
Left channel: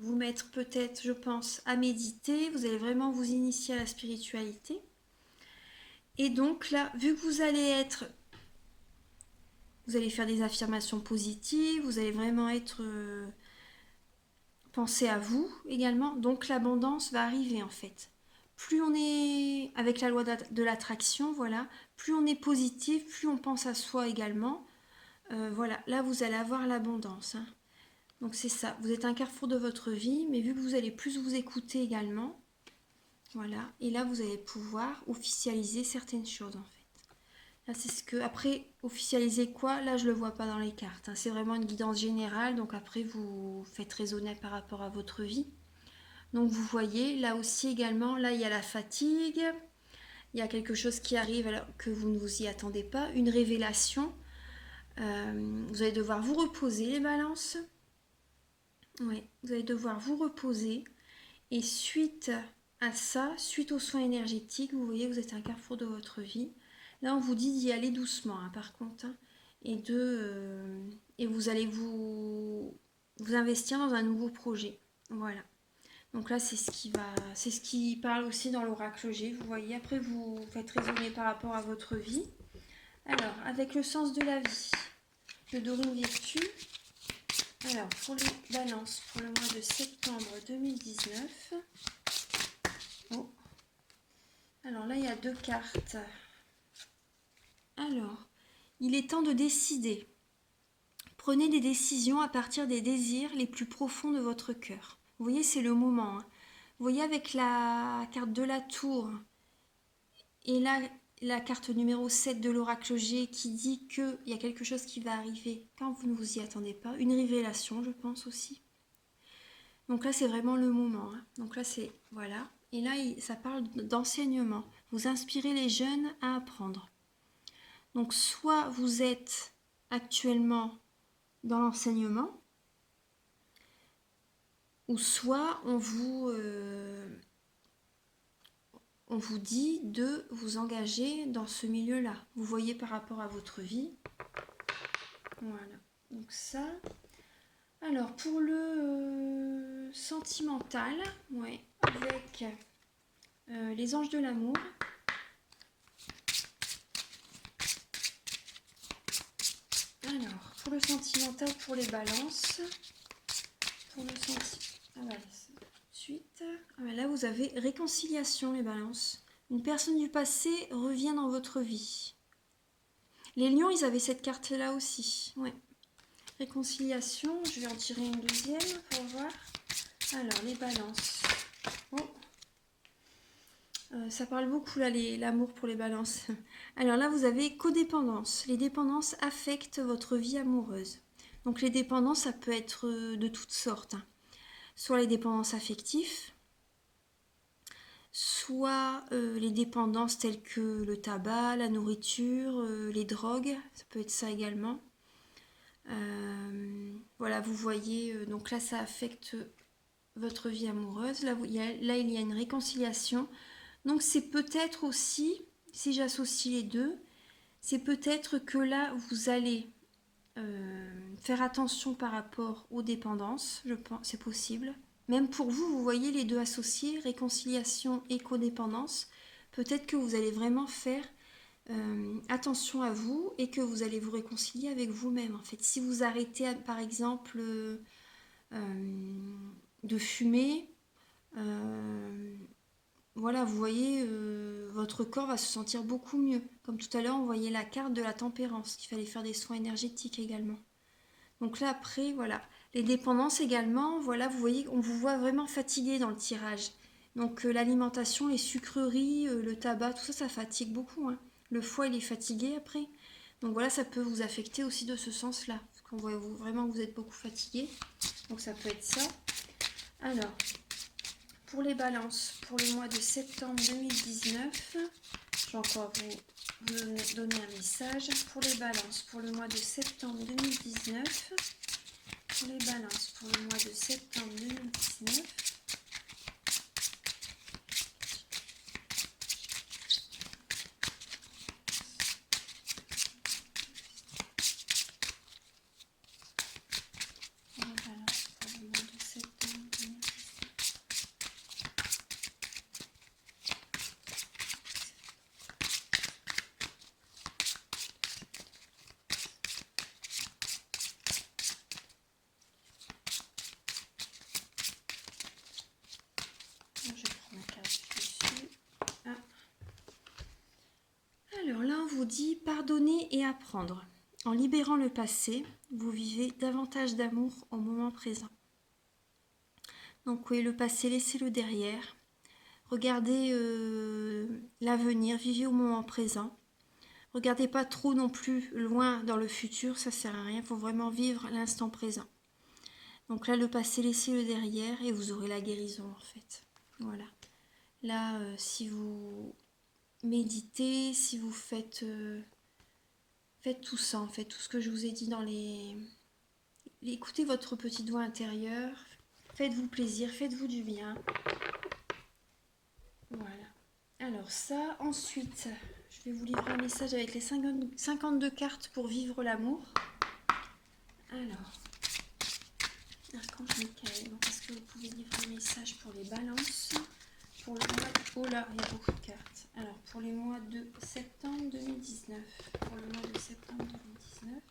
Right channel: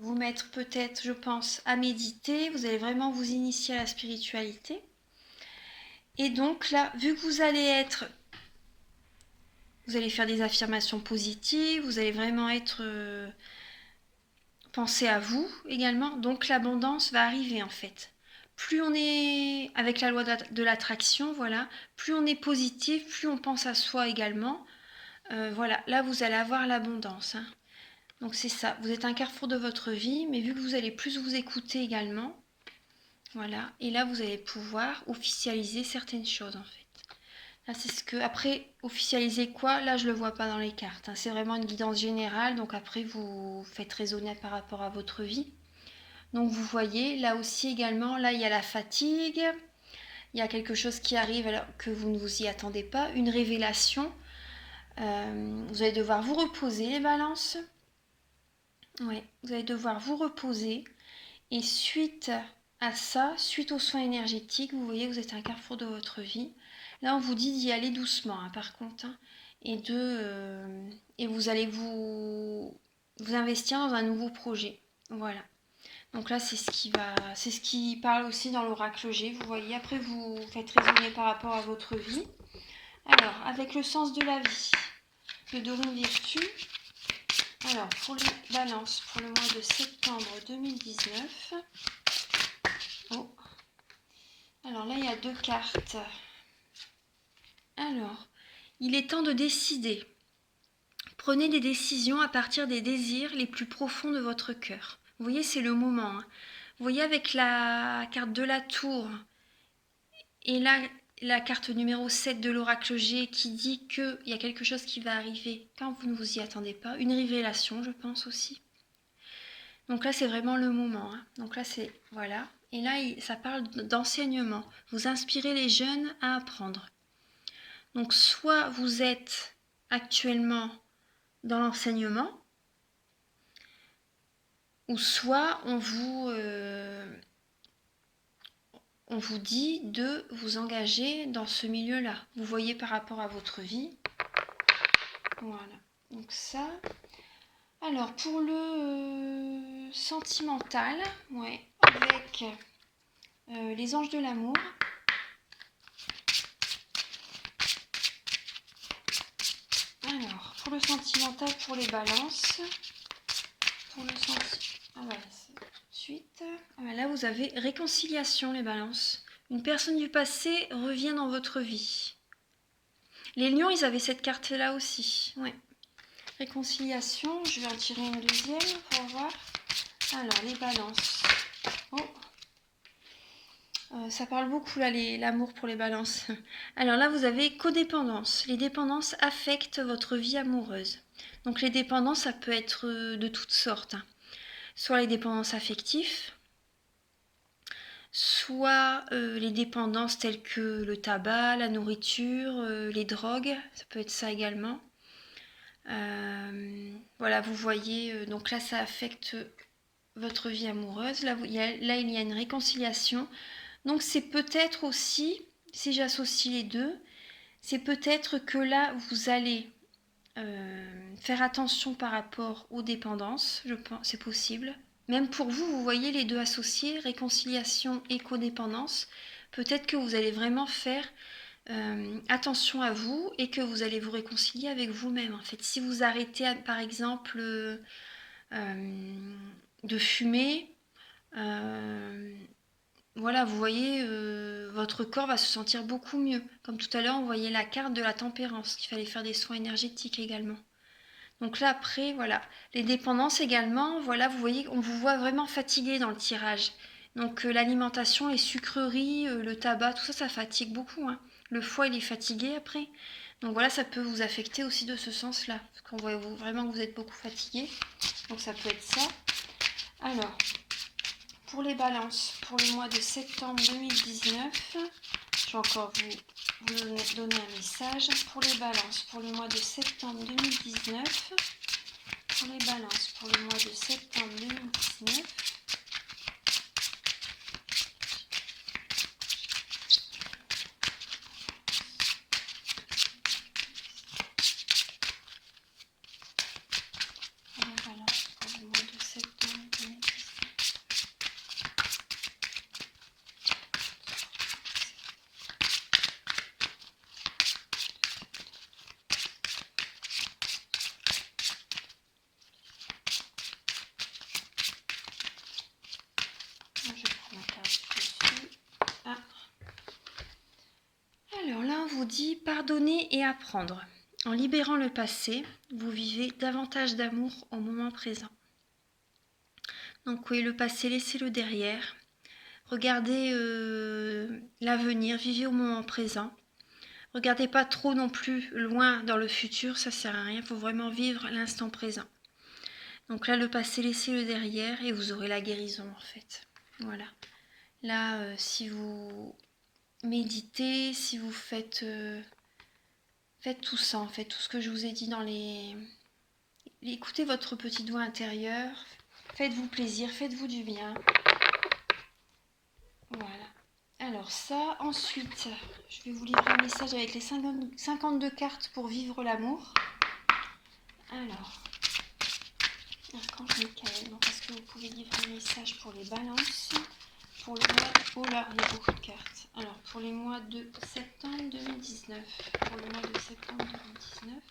vous mettre peut-être, je pense, à méditer. Vous allez vraiment vous initier à la spiritualité. Et donc là, vu que vous allez faire des affirmations positives, vous allez vraiment être penser à vous également. Donc l'abondance va arriver en fait. Plus on est avec la loi de l'attraction, voilà, plus on est positif, plus on pense à soi également. Voilà, là vous allez avoir l'abondance. Hein. Donc c'est ça, vous êtes un carrefour de votre vie, mais vu que vous allez plus vous écouter également, voilà, et là vous allez pouvoir officialiser certaines choses en fait. Là, c'est ce que. Après, officialiser quoi? Là, je le vois pas dans les cartes. Hein. C'est vraiment une guidance générale. Donc après, vous faites raisonner par rapport à votre vie. Donc vous voyez, là aussi également, là, il y a la fatigue. Il y a quelque chose qui arrive alors que vous ne vous y attendez pas. Une révélation. Vous allez devoir vous reposer, les balances. Oui, vous allez devoir vous reposer. Et suite à ça, suite aux soins énergétiques, vous voyez, vous êtes à un carrefour de votre vie. Là, on vous dit d'y aller doucement, hein, par contre, hein, et vous allez vous investir dans un nouveau projet. Voilà. Donc là, c'est ce qui parle aussi dans l'oracle G. Vous voyez. Après, vous faites raisonner par rapport à votre vie. Alors, avec le sens de la vie, le Dorine Virtue. Alors, pour les balances, pour le mois de septembre 2019. Oh. Alors là, il y a 2 cartes. Alors, il est temps de décider. Prenez des décisions à partir des désirs les plus profonds de votre cœur. Vous voyez, c'est le moment. Hein. Vous voyez avec la carte de la tour et là, la carte numéro 7 de l'oracle G qui dit qu'il y a quelque chose qui va arriver quand vous ne vous y attendez pas. Une révélation, je pense aussi. Donc là, c'est vraiment le moment. Hein. Donc là, c'est... Voilà. Et là, ça parle d'enseignement. Vous inspirez les jeunes à apprendre. Donc soit vous êtes actuellement dans l'enseignement, ou soit on vous dit de vous engager dans ce milieu-là. Vous voyez par rapport à votre vie. Voilà. Donc ça. Alors pour le sentimental, ouais, avec les anges de l'amour. Alors, pour le sentimental, pour les balances, pour le ah ouais, tout de suite. Ah ouais, là, vous avez réconciliation, les balances. Une personne du passé revient dans votre vie. Les lions, ils avaient cette carte-là aussi. Ouais. Réconciliation, je vais en tirer une deuxième pour voir. Alors, les balances. Oh. Ça parle beaucoup là, l'amour pour les balances. Alors là, vous avez codépendance. Les dépendances affectent votre vie amoureuse. Donc les dépendances, ça peut être de toutes sortes. Hein. Soit les dépendances affectives, soit les dépendances telles que le tabac, la nourriture, les drogues. Ça peut être ça également. Voilà, vous voyez, donc là, ça affecte votre vie amoureuse. Là, il y a une réconciliation. Donc c'est peut-être aussi, si j'associe les deux, c'est peut-être que là, vous allez faire attention par rapport aux dépendances, je pense, c'est possible. Même pour vous, vous voyez les deux associés, réconciliation et codépendance. Peut-être que vous allez vraiment faire attention à vous et que vous allez vous réconcilier avec vous-même. En fait, si vous arrêtez, par exemple, de fumer, voilà, vous voyez, votre corps va se sentir beaucoup mieux. Comme tout à l'heure, on voyait la carte de la tempérance, qu'il fallait faire des soins énergétiques également. Donc là, après, voilà. Les dépendances également, voilà, vous voyez, on vous voit vraiment fatigué dans le tirage. Donc l'alimentation, les sucreries, le tabac, tout ça, ça fatigue beaucoup, hein. Le foie, il est fatigué après. Donc voilà, ça peut vous affecter aussi de ce sens-là. Parce qu'on voit vraiment que vous êtes beaucoup fatigué. Donc ça peut être ça. Alors, pour les balances, pour le mois de septembre 2019, je vais encore vous donner un message. Pour les balances, pour le mois de septembre 2019, pour les balances, pour le mois de septembre 2019, alors là, on vous dit pardonner et apprendre. En libérant le passé, vous vivez davantage d'amour au moment présent. Donc oui, le passé, laissez-le derrière. Regardez l'avenir, vivez au moment présent. Regardez pas trop non plus loin dans le futur, ça sert à rien. Il faut vraiment vivre l'instant présent. Donc là, le passé, laissez-le derrière et vous aurez la guérison en fait. Voilà. Là, si vous méditez, si vous faites tout ça, en fait, tout ce que je vous ai dit dans les... Écoutez votre petite voix intérieure, faites-vous plaisir, faites-vous du bien. Voilà. Alors ça, ensuite, je vais vous livrer un message avec les 52 cartes pour vivre l'amour. Alors, Archange Michael, est-ce que vous pouvez livrer un message pour les balances? Pour le mois... Oh là, il y a beaucoup de cartes. Alors, pour les mois de septembre 2019. Pour le mois de septembre 2019.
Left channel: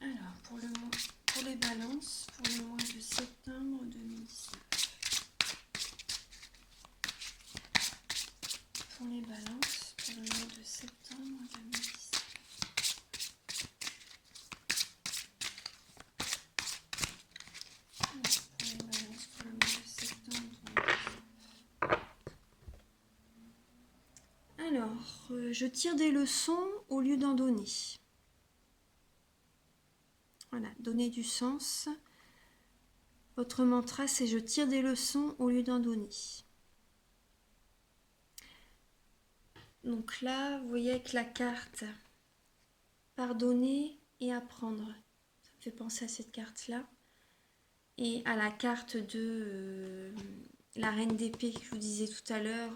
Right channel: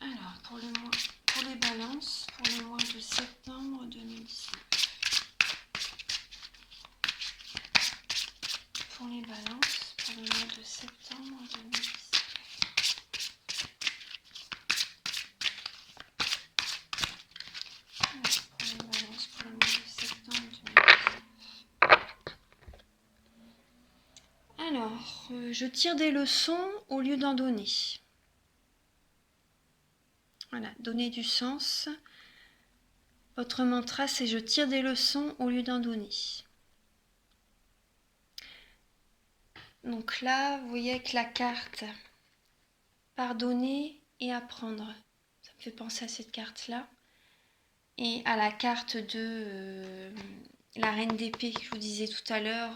Alors, pour les balances, pour le mois de septembre 2019. Pour les balances, pour le mois de septembre 2019. Pour les balances, pour le mois de septembre 2019. Alors, je tire des leçons au lieu d'en donner. Voilà, donner du sens. Votre mantra, c'est je tire des leçons au lieu d'en donner. Donc là, vous voyez avec la carte pardonner et apprendre. Ça me fait penser à cette carte-là. Et à la carte de la reine d'épée que je vous disais tout à l'heure,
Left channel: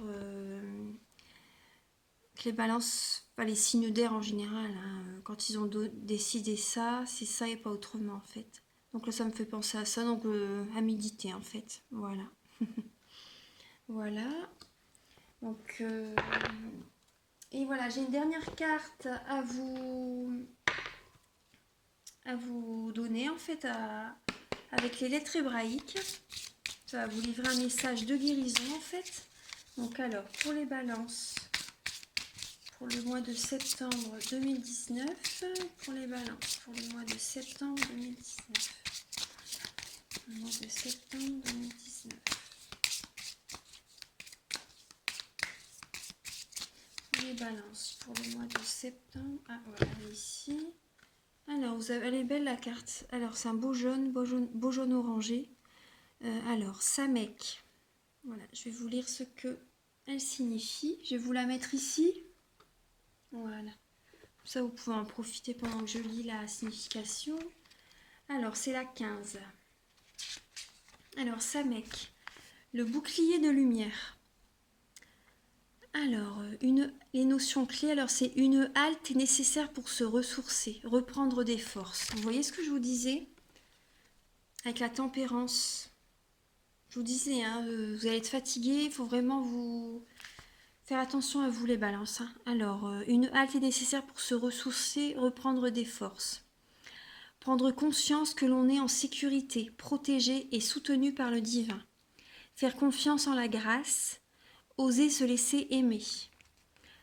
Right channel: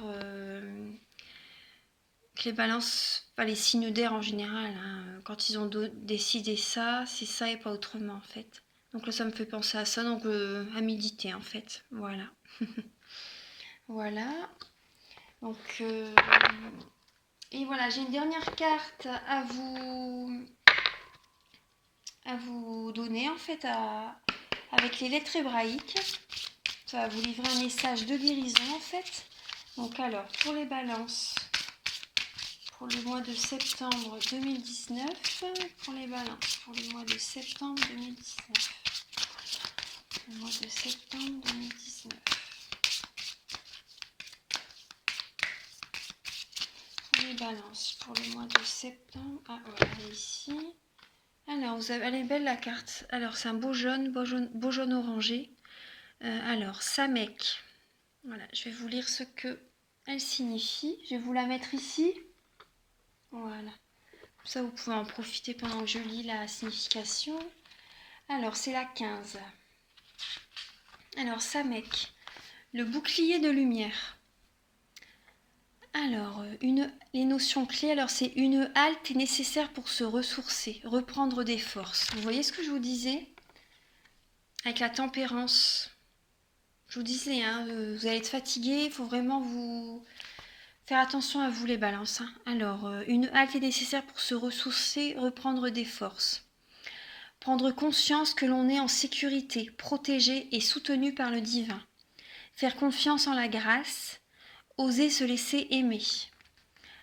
que les balances, enfin les signes d'air en général, hein, quand ils ont décidé ça, c'est ça et pas autrement en fait. Donc là, ça me fait penser à ça, donc à méditer en fait. Voilà. Voilà. Donc, et voilà, j'ai une dernière carte à vous donner en fait avec les lettres hébraïques. Ça va vous livrer un message de guérison en fait. Donc alors, pour les balances, pour le mois de septembre 2019, pour les balances, pour le mois de septembre 2019. Le mois de septembre 2019. Pour les balances, pour le mois de septembre. Ah voilà, ici. Alors, elle est belle la carte. Alors, c'est un beau jaune orangé. Alors, Samek. Voilà, je vais vous lire ce que elle signifie. Je vais vous la mettre ici. Voilà. Ça, vous pouvez en profiter pendant que je lis la signification. Alors, c'est la 15. Alors, Samek, le bouclier de lumière. Alors, les notions clés, alors c'est une halte est nécessaire pour se ressourcer, reprendre des forces. Vous voyez ce que je vous disais? Avec la tempérance. Je vous disais, hein, vous allez être fatigué, il faut vraiment vous faire attention à vous les balances. Hein. Alors, une halte est nécessaire pour se ressourcer, reprendre des forces. Prendre conscience que l'on est en sécurité, protégé et soutenu par le divin. Faire confiance en la grâce, oser se laisser aimer.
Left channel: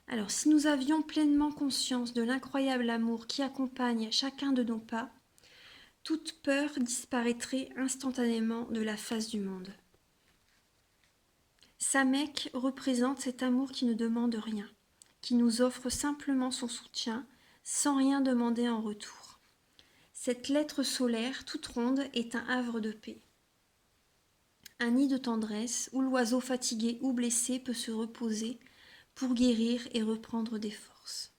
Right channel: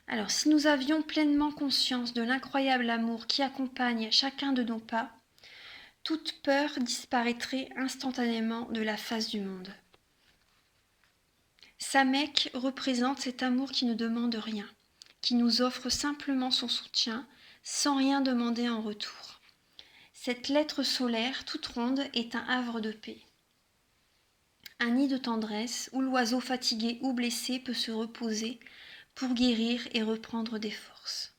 Alors, si nous avions pleinement conscience de l'incroyable amour qui accompagne chacun de nos pas, toute peur disparaîtrait instantanément de la face du monde. Samek représente cet amour qui ne demande rien, qui nous offre simplement son soutien, sans rien demander en retour. Cette lettre solaire toute ronde est un havre de paix. Un nid de tendresse où l'oiseau fatigué ou blessé peut se reposer pour guérir et reprendre des forces.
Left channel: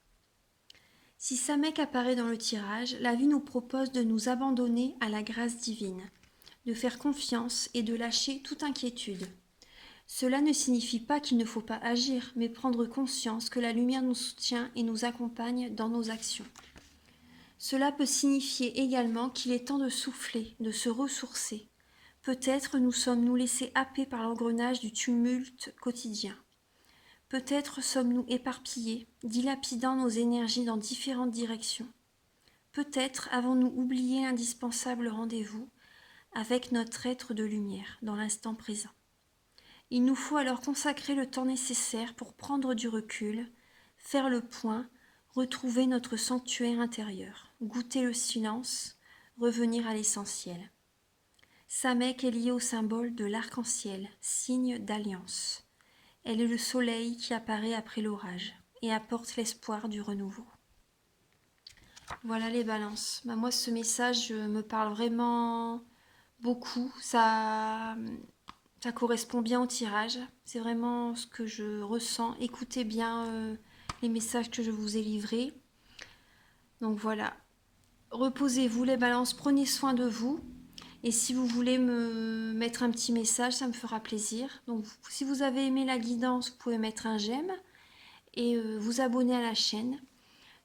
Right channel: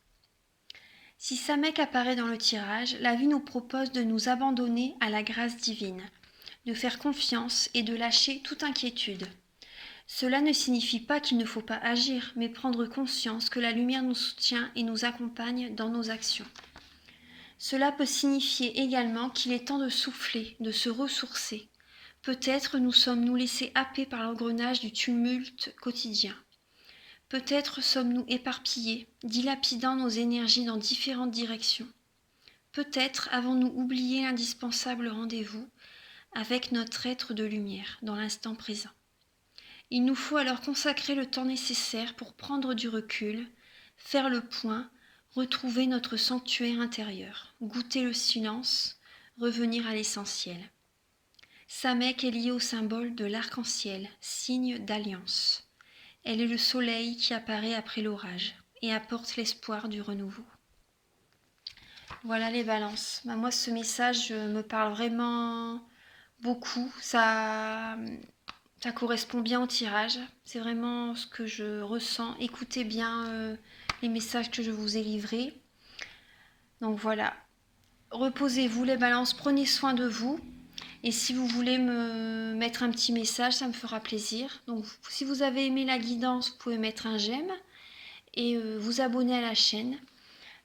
Si Samek apparaît dans le tirage, la vie nous propose de nous abandonner à la grâce divine, de faire confiance et de lâcher toute inquiétude. Cela ne signifie pas qu'il ne faut pas agir, mais prendre conscience que la lumière nous soutient et nous accompagne dans nos actions. Cela peut signifier également qu'il est temps de souffler, de se ressourcer. Peut-être nous sommes-nous laissés happer par l'engrenage du tumulte quotidien. Peut-être sommes-nous éparpillés, dilapidant nos énergies dans différentes directions. Peut-être avons-nous oublié l'indispensable rendez-vous avec notre être de lumière dans l'instant présent. Il nous faut alors consacrer le temps nécessaire pour prendre du recul, faire le point, retrouver notre sanctuaire intérieur, goûter le silence, revenir à l'essentiel. Samek est liée au symbole de l'arc-en-ciel, signe d'alliance. Elle est le soleil qui apparaît après l'orage et apporte l'espoir du renouveau. Voilà les balances. Moi, ce message me parle vraiment beaucoup. Ça correspond bien au tirage. C'est vraiment ce que je ressens. Écoutez bien les messages que je vous ai livrés. Donc voilà. Reposez-vous les balances, prenez soin de vous. Et si vous voulez me mettre un petit message, ça me fera plaisir. Donc si vous avez aimé la guidance, vous pouvez mettre un j'aime et vous abonner à la chaîne.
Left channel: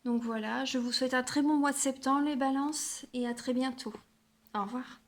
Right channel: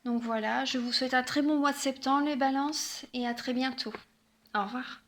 Donc voilà, je vous souhaite un très bon mois de septembre les balances et à très bientôt. Au revoir.